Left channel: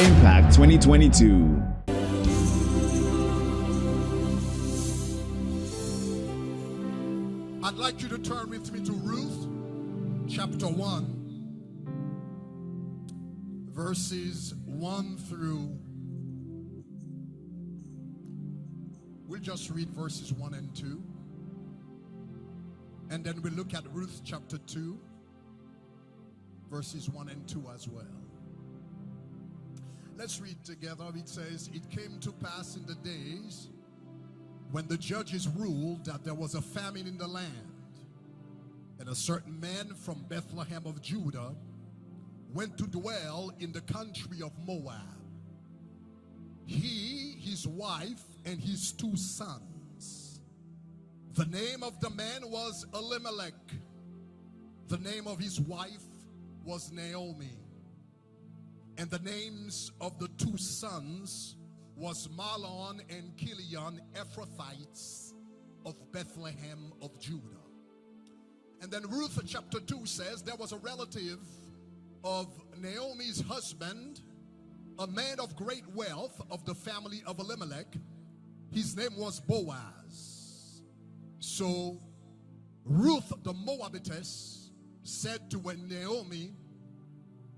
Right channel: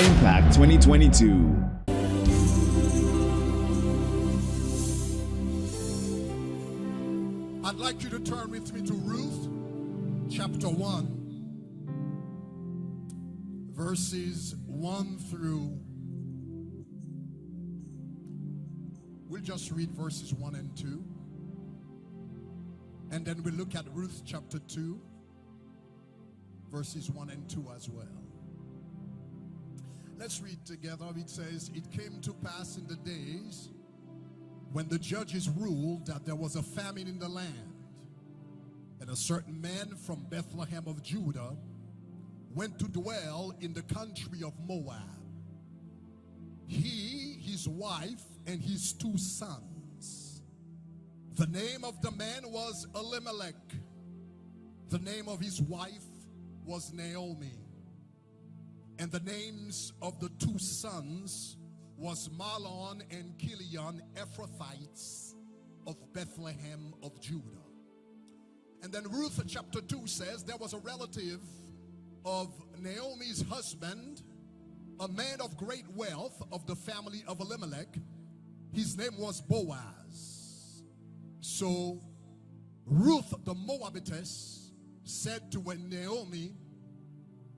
Impact 2022. I'd like you to turn with me to Ruth, chapter 1, verses 1 through, we'll just read verses 1 and 2. And then we'll look at Ruth chapter 2, verses 1 and 2 as well. Let's read together. It says, "It came to pass in the days when the judges ruled that there was a famine in the land, and a certain man from Bethlehem of Judah went to dwell in the country of Moab. He, his wife, and his 2 sons. The name of the man was Elimelech. The name of his wife was Naomi. And the names of the 2 sons was Mahlon and Chilion, Ephrathites of Bethlehem of Judah." And then Ruth chapter 2 says there was a relative of Naomi's husband, a man of great wealth of the family of Elimelech. His name was Boaz. So Ruth the Moabitess said to Naomi,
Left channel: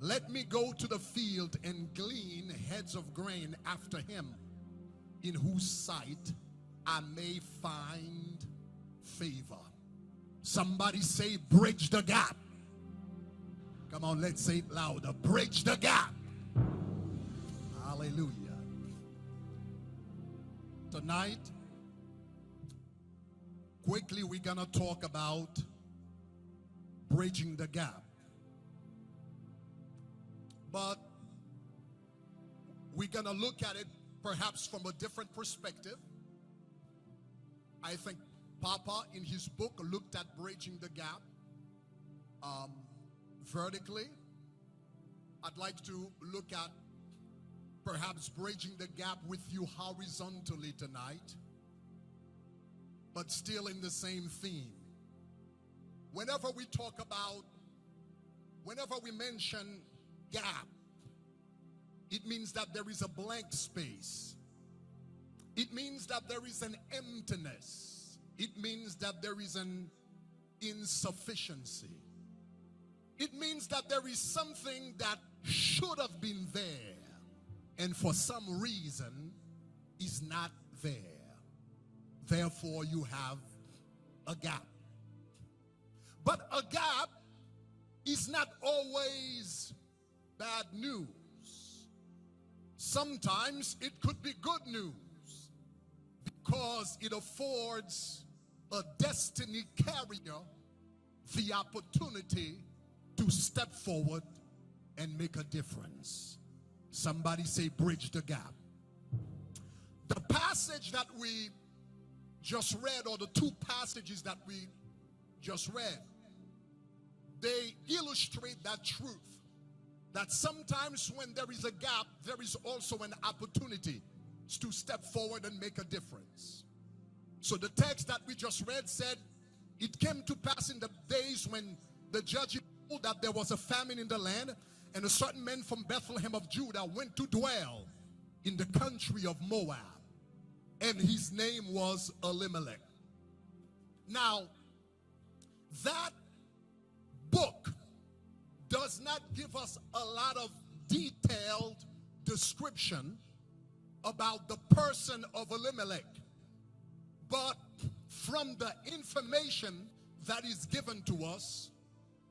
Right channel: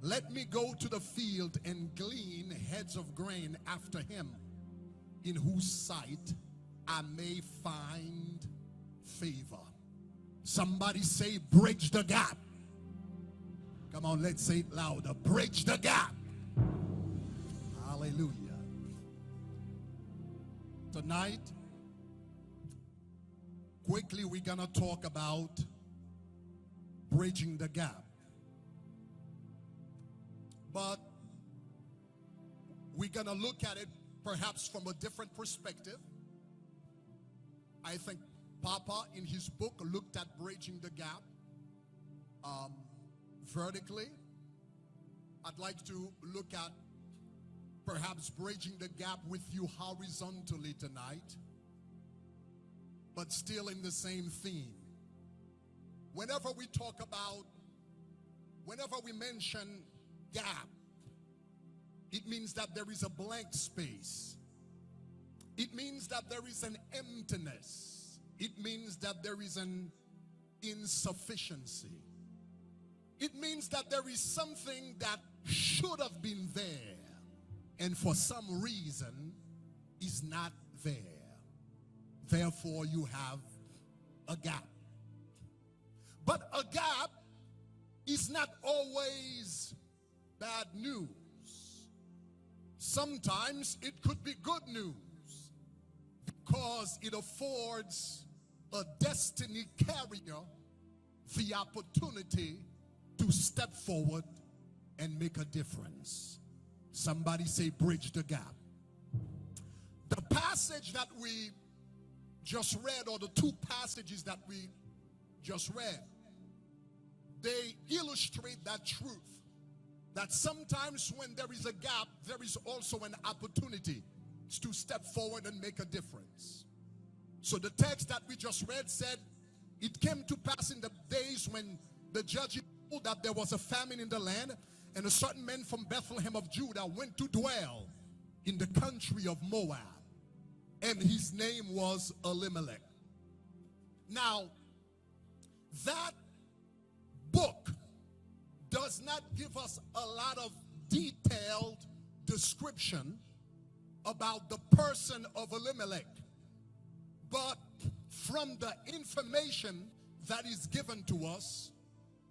"Let me go to the field and glean heads of grain after him, in whose sight I may find favor." Somebody say, bridge the gap. Come on, let's say it louder. Bridge the gap. Hallelujah. Tonight, quickly we're going to talk about bridging the gap. But we're going to look at it perhaps from a different perspective. I think Papa in his book looked at bridging the gap vertically. I'd like to look at perhaps bridging the gap with you horizontally tonight, but still in the same theme. Whenever we mention gap, it means that there is a blank space. It means that there is an emptiness. It means that there is an insufficiency. It means that there is something that should have been there, and for some reason is not there. Therefore, you have a gap. But a gap is not always bad news. Sometimes it could be good news because it affords a destiny carrier the opportunity to step forward and make a difference. Somebody say, bridge the gap. The passage that we just read, or the 2 passages that we just read, they illustrate that truth. That sometimes when there is a gap, there is also an opportunity to step forward and make a difference. So the text that we just read said, "It came to pass in the days when the judges ruled that there was a famine in the land, and a certain man from Bethlehem of Judah went to dwell in the country of Moab, and his name was Elimelech." Now, that book does not give us a lot of detailed description about the person of Elimelech, but from the information that is given to us,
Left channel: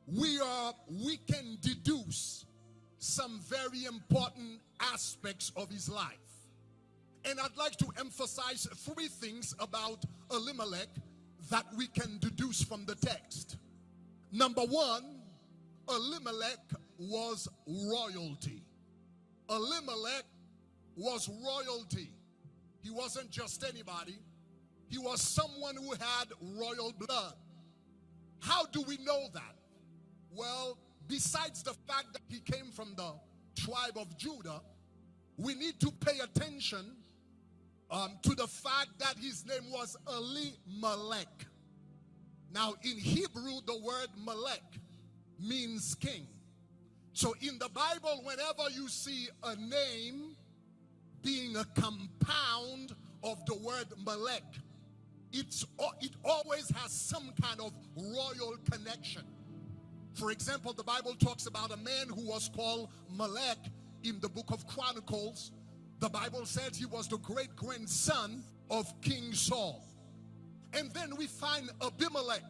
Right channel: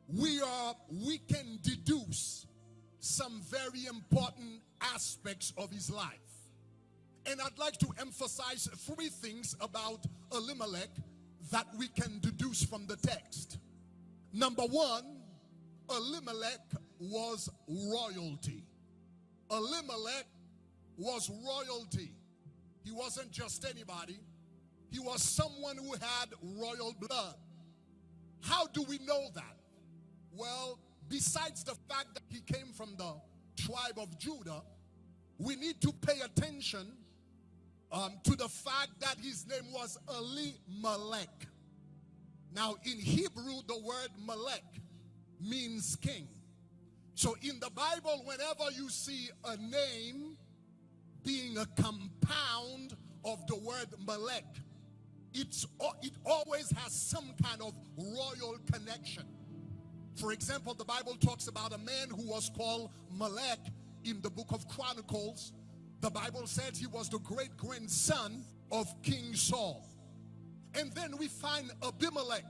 we can deduce some very important aspects of his life. And I'd like to emphasize 3 things about Elimelech that we can deduce from the text. Number 1, Elimelech was royalty. Elimelech was royalty. He wasn't just anybody. He was someone who had royal blood. How do we know that? Well, besides the fact that he came from the tribe of Judah, we need to pay attention to the fact that his name was Elimelech. Now, in Hebrew, the word Melech means king. So in the Bible, whenever you see a name being a compound of the word Melech, it always has some kind of royal connection. For example, the Bible talks about a man who was called Melech in the book of Chronicles. The Bible says he was the great-grandson of King Saul. And then we find Abimelech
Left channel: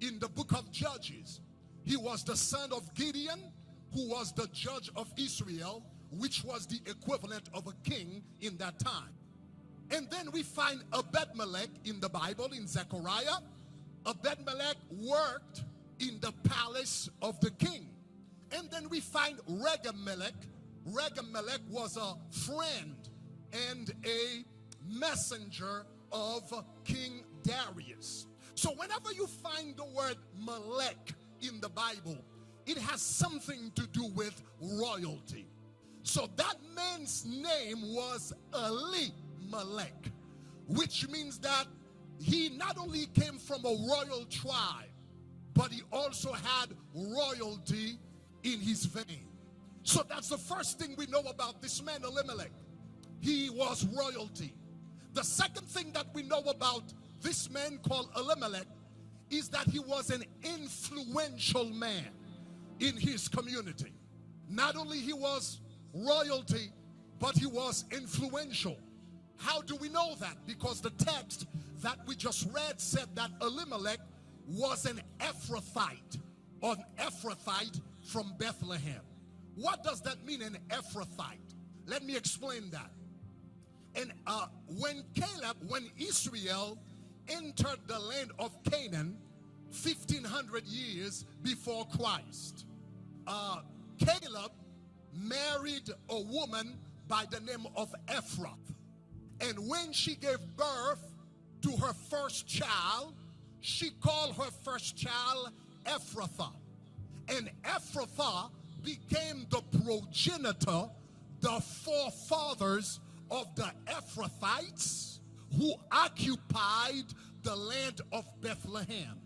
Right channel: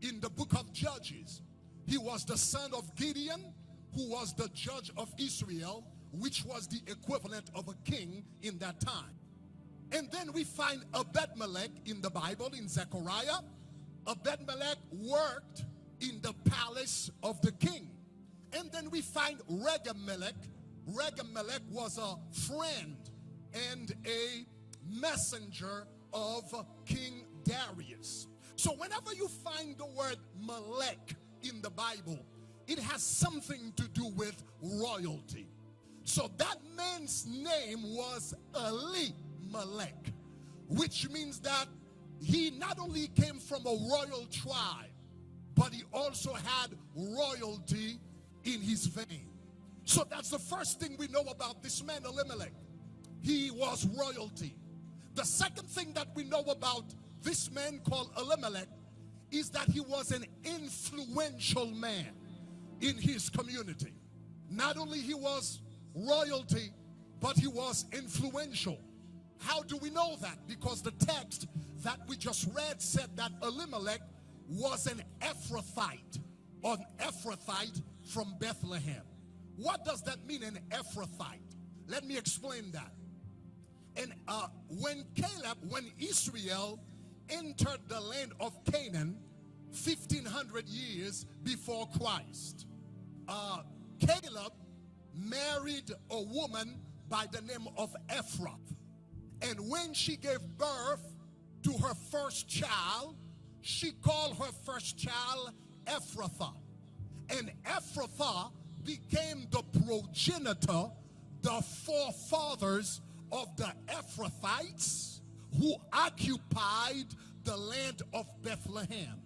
in the book of Judges. He was the son of Gideon, who was the judge of Israel, which was the equivalent of a king in that time. And then we find Abed-Melech in the Bible, in Zechariah. Abed-Melech worked in the palace of the king. And then we find Regem-Melech. Regem-Melech was a friend and a messenger of King Darius. So whenever you find the word Melech in the Bible, it has something to do with royalty. So that man's name was Elimelech, which means that he not only came from a royal tribe, but he also had royalty in his vein. So that's the first thing we know about this man, Elimelech. He was royalty. The second thing that we know about this man called Elimelech is that he was an influential man in his community. Not only he was royalty, but he was influential. How do we know that? Because the text that we just read said that Elimelech was an Ephrathite, or an Ephrathite from Bethlehem. What does that mean, an Ephrathite? Let me explain that. And when Israel entered the land of Canaan 1,500 years before Christ, Caleb married a woman by the name of Ephrath. And when she gave birth to her first child, she called her first child Ephrathah. And Ephrathah became the progenitor, the forefathers of the Ephrathites who occupied the land of Bethlehem.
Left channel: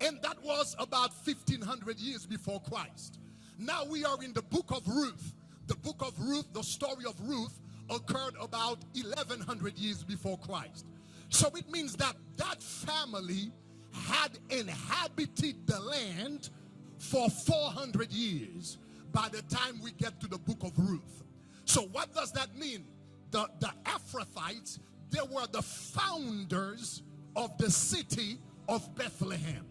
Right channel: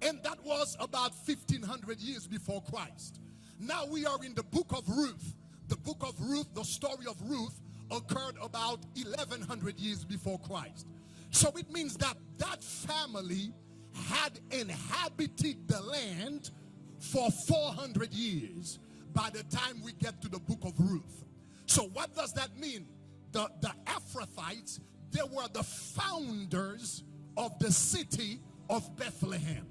And that was about 1,500 years before Christ. Now we are in the book of Ruth. The book of Ruth, the story of Ruth, occurred about 1,100 years before Christ. So it means that that family had inhabited the land for 400 years by the time we get to the book of Ruth. So what does that mean? The Ephrathites, they were the founders of the city of Bethlehem.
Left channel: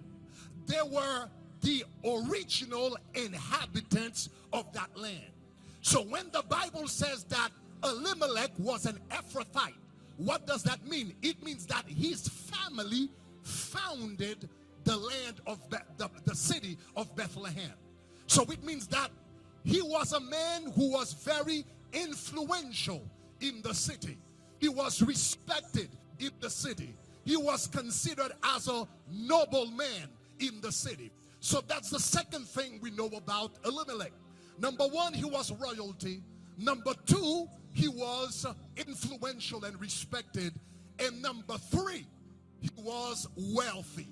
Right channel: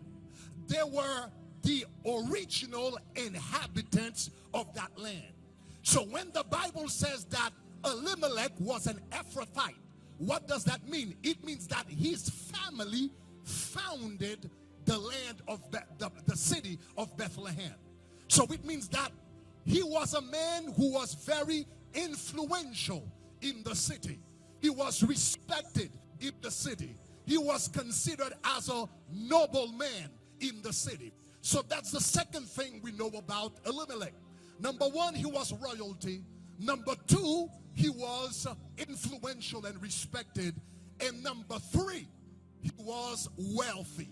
They were the original inhabitants of that land. So when the Bible says that Elimelech was an Ephrathite, what does that mean? It means that his family founded the land of the city of Bethlehem. So it means that he was a man who was very influential in the city. He was respected in the city. He was considered as a noble man in the city. So that's the second thing we know about Elimelech. Number one, he was royalty. Number two, he was influential and respected. And number three, he was wealthy.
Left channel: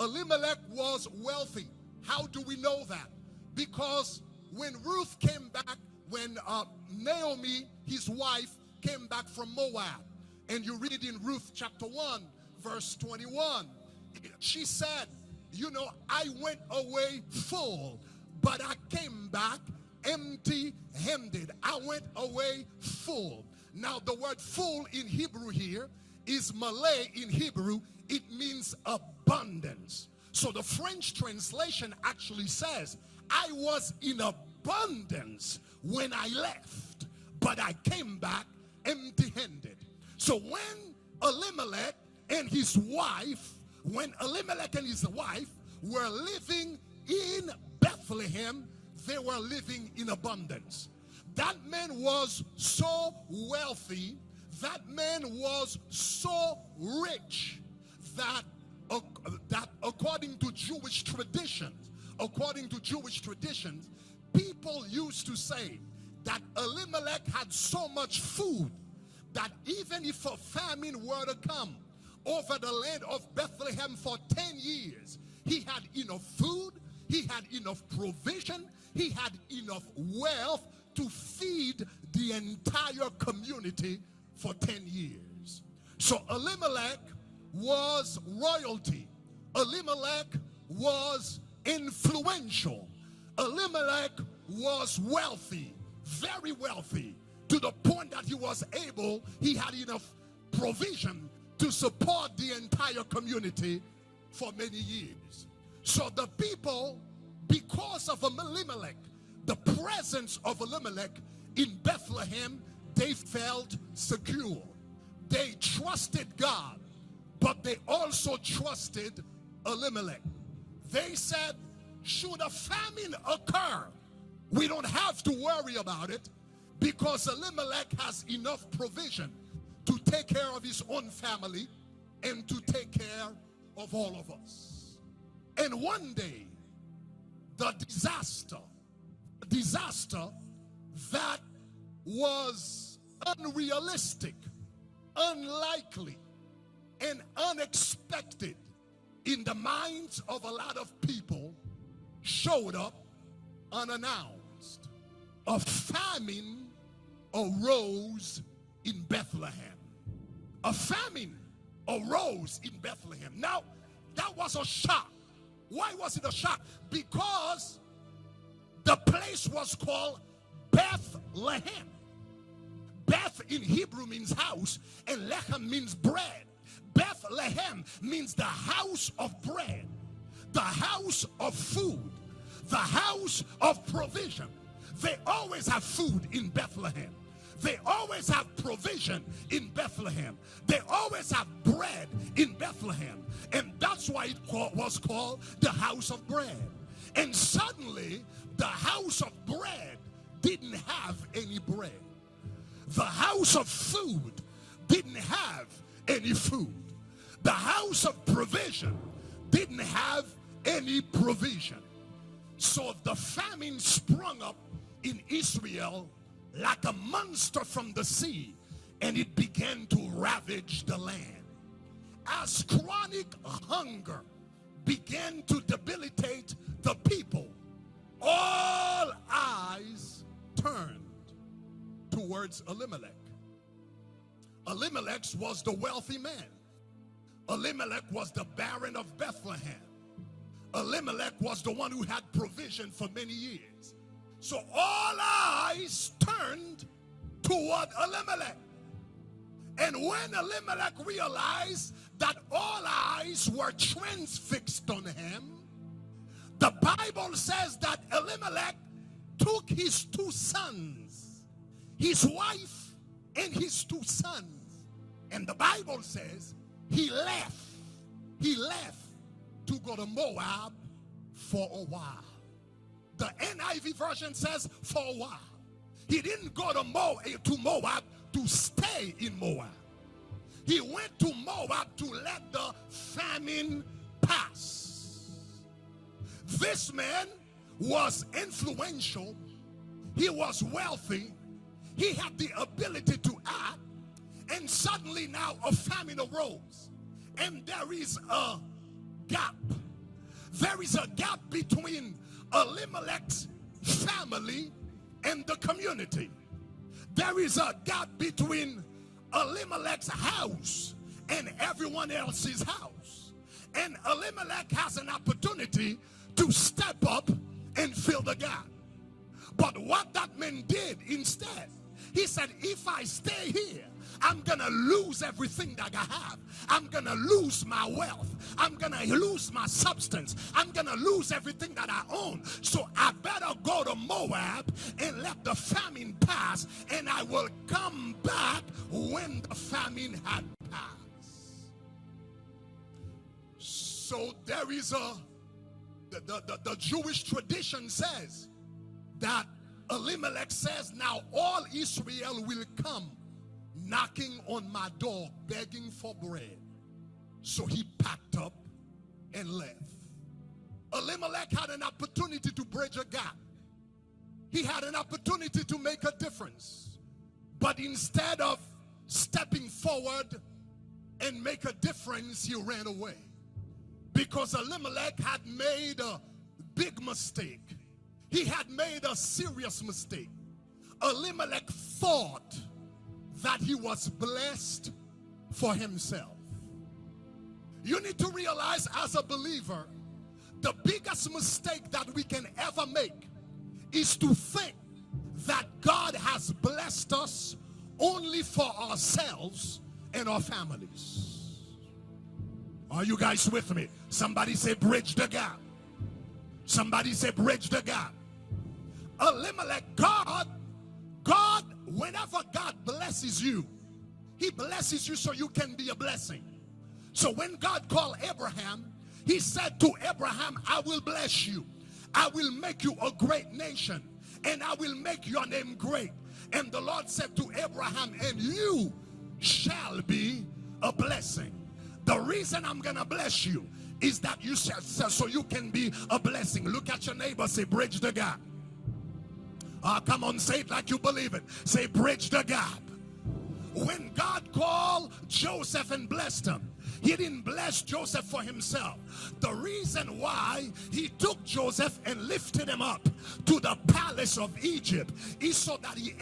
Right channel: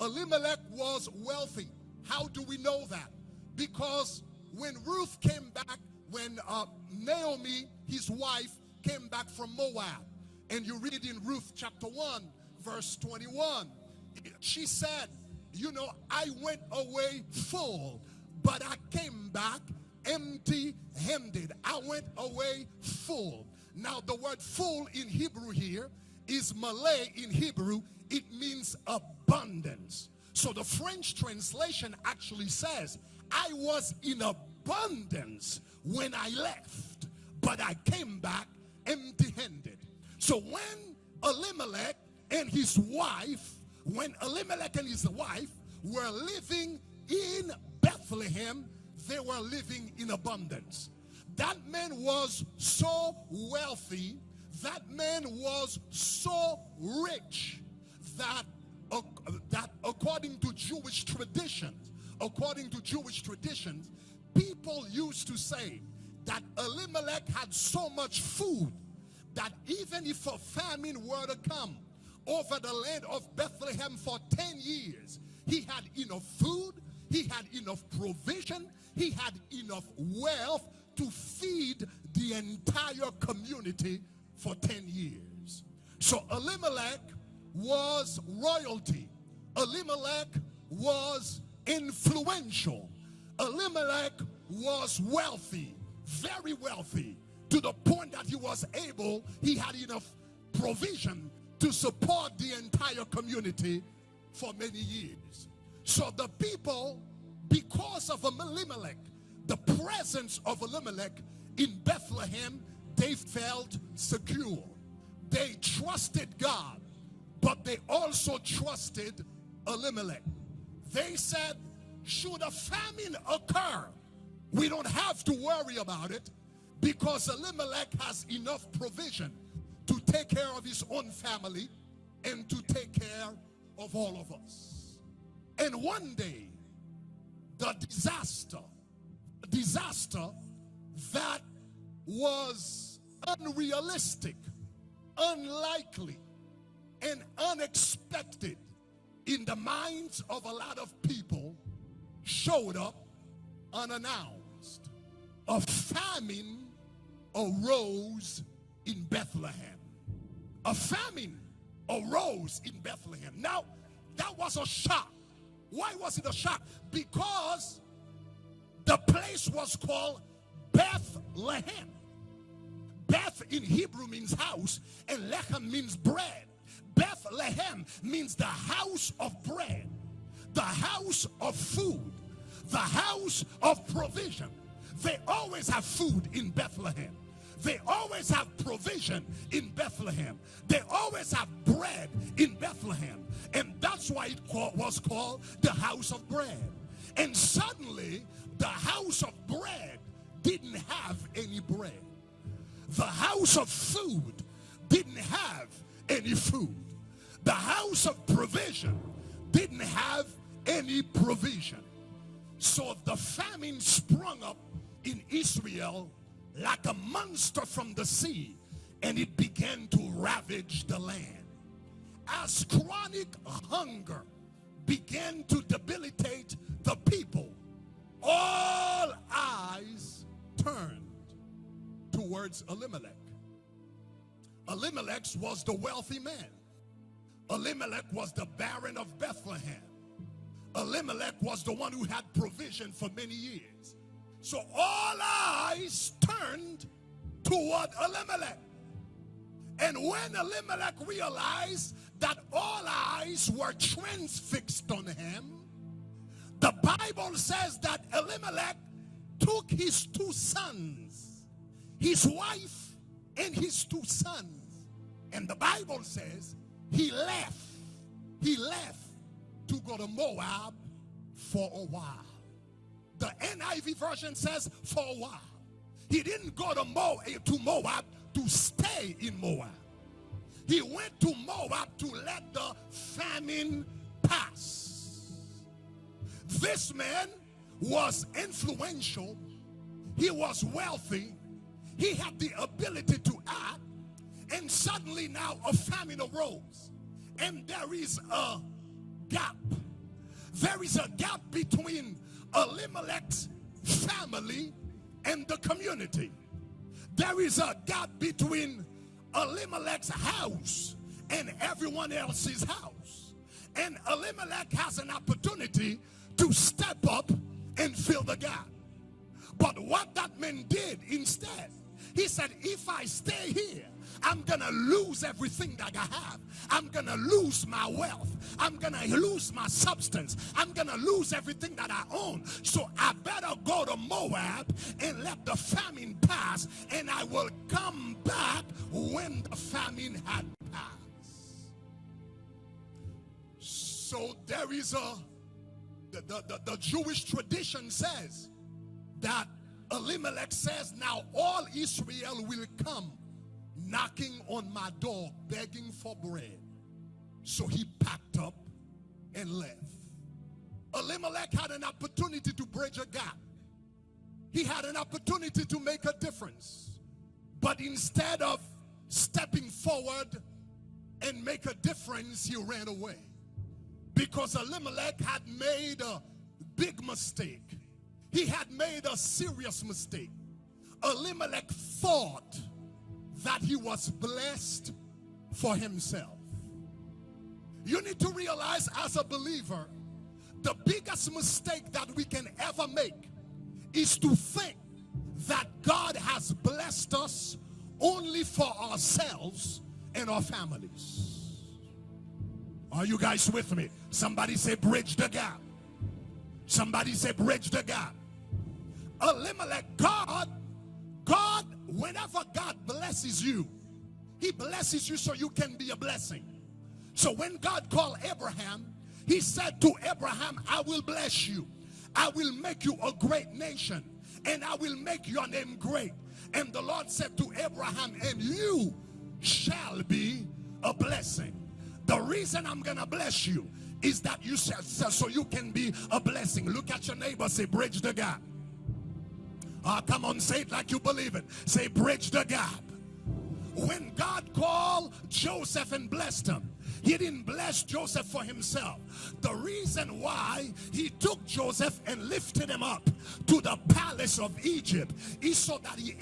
Elimelech was wealthy. How do we know that? Because when Ruth came back, when Naomi, his wife, came back from Moab, and you read in Ruth chapter 1, verse 21, she said, you know, I went away full, but I came back empty-handed. I went away full. Now the word full in Hebrew here is Malay in Hebrew. It means abundance. So the French translation actually says, I was in abundance when I left, but I came back empty-handed. So when Elimelech and his wife were living in Bethlehem, they were living in abundance. That man was so wealthy, that man was so rich that according to Jewish traditions, people used to say that Elimelech had so much food that even if a famine were to come over the land of Bethlehem for 10 years, he had enough food, he had enough provision, he had enough wealth to feed the entire community for 10 years. So Elimelech was royalty. Elimelech was influential. Elimelech was wealthy, very wealthy, to the point that he had enough provision to support the entire community for many years. So the people, because of Elimelech, the presence of Elimelech in Bethlehem, they felt secure. They trusted God, but they also trusted Elimelech. They said, should a famine occur, we don't have to worry about it, because Elimelech has enough provision to take care of his own family and to take care of all of us. And one day, the disaster that was unrealistic, unlikely, and unexpected in the minds of a lot of people showed up unannounced. A famine arose in Bethlehem. A famine arose in Bethlehem. Now, that was a shock. Why was it a shock? Because the place was called Bethlehem. Beth in Hebrew means house, and lechem means bread. Bethlehem means the house of bread, the house of food, the house of provision. They always have food in Bethlehem. They always have provision in Bethlehem. They always have bread in Bethlehem. And that's why it was called the house of bread. And suddenly, the house of bread didn't have any bread. The house of food didn't have any food. The house of provision didn't have any provision. So the famine sprung up in Israel like a monster from the sea, and it began to ravage the land. As chronic hunger began to debilitate the people, all eyes turned towards Elimelech. Elimelech was the wealthy man. Elimelech was the Baron of Bethlehem. Elimelech was the one who had provision for many years. So all eyes turned toward Elimelech. And when Elimelech realized that all eyes were transfixed on him, the Bible says that Elimelech took his two sons, his wife and his two sons. And the Bible says he left to go to Moab for a while. The NIV version says for a while. He didn't go to Moab to stay in Moab. He went to Moab to let the famine pass. This man was influential. He was wealthy. He had the ability to act. And suddenly now a famine arose. And there is a gap. There is a gap between Elimelech's family and the community. There is a gap between Elimelech's house and everyone else's house. And Elimelech has an opportunity to step up and fill the gap. But what that man did instead, he said, if I stay here, I'm going to lose everything that I have. I'm going to lose my wealth. I'm going to lose my substance. I'm going to lose everything that I own. So I better go to Moab and let the famine pass, and I will come back when the famine had passed. So there is the Jewish tradition says that Elimelech says, now all Israel will come knocking on my door, begging for bread. So he packed up and left. Elimelech had an opportunity to bridge a gap. He had an opportunity to make a difference. But instead of stepping forward and make a difference, he ran away. Because Elimelech had made a big mistake. he had made a serious mistake. Elimelech thought that he was blessed for himself. You need to realize as a believer, the biggest mistake that we can ever make is to think that God has blessed us only for ourselves and our families. Are you guys with me? Somebody say bridge the gap. Somebody say bridge the gap. Elimelech, God, whenever God blesses you, he blesses you so you can be a blessing. So when God called Abraham, he said to Abraham, I will bless you. I will make you a great nation, and I will make your name great. And the Lord said to Abraham, and you shall be a blessing. The reason I'm going to bless you is that you shall, so you can be a blessing. Look at your neighbor, say bridge the gap. Come on, say it like you believe it. Say bridge the gap. When God called Joseph and blessed him, he didn't bless Joseph for himself. The reason why he took Joseph and lifted him up to the palace of Egypt is so that he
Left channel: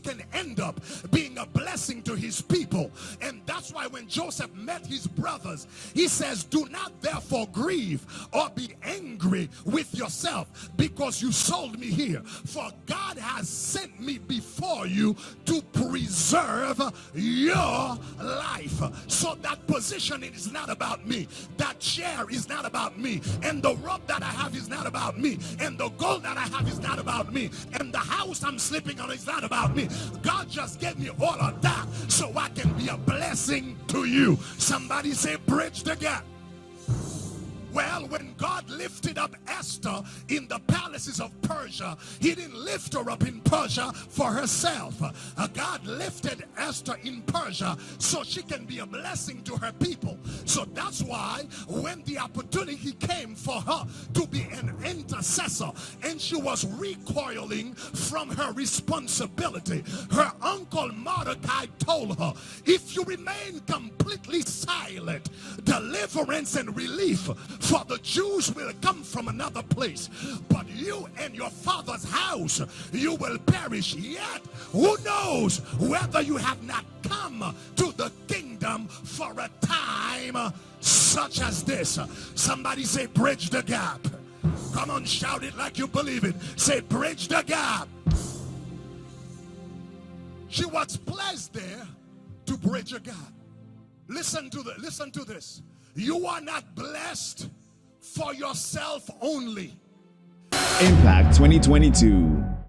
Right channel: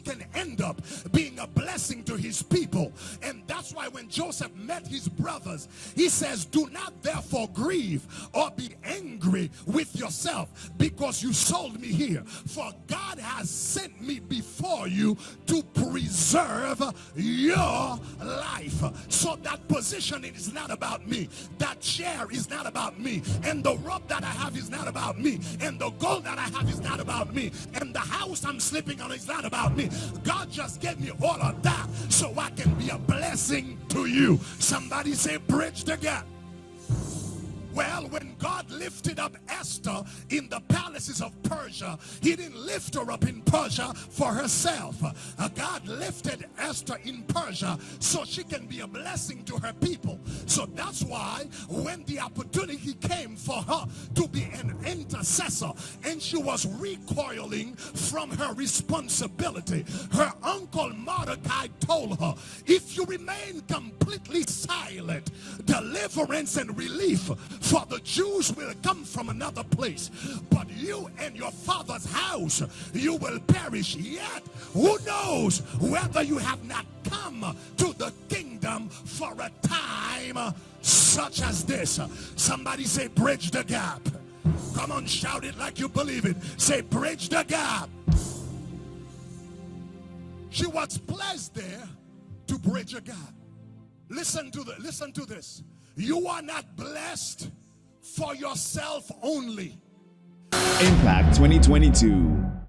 can end up being a blessing to his people. And that's why when Joseph met his brothers, he says, do not therefore grieve or be angry with yourself because you sold me here. For God has sent me before you to preserve your life. So that position is not about me. That chair is not about me. And the robe that I have is not about me. And the gold that I have is not about me. And the house I'm sleeping on is not about me. God just gave me all of that so I can be a blessing to you. Somebody say bridge the gap. Well, when God lifted up Esther in the palaces of Persia, he didn't lift her up in Persia for herself. God lifted Esther in Persia so she can be a blessing to her people. So that's why when the opportunity came for her to be an intercessor and she was recoiling from her responsibility, her uncle Mordecai told her, if you remain completely silent, deliverance and relief for the Jews will come from another place, but you and your father's house, you will perish. Yet, who knows whether you have not come to the kingdom for a time such as this. Somebody say bridge the gap. Come on, shout it like you believe it. Say bridge the gap. She was placed there to bridge a gap. Listen to this. You are not blessed for yourself only. Impact 2022.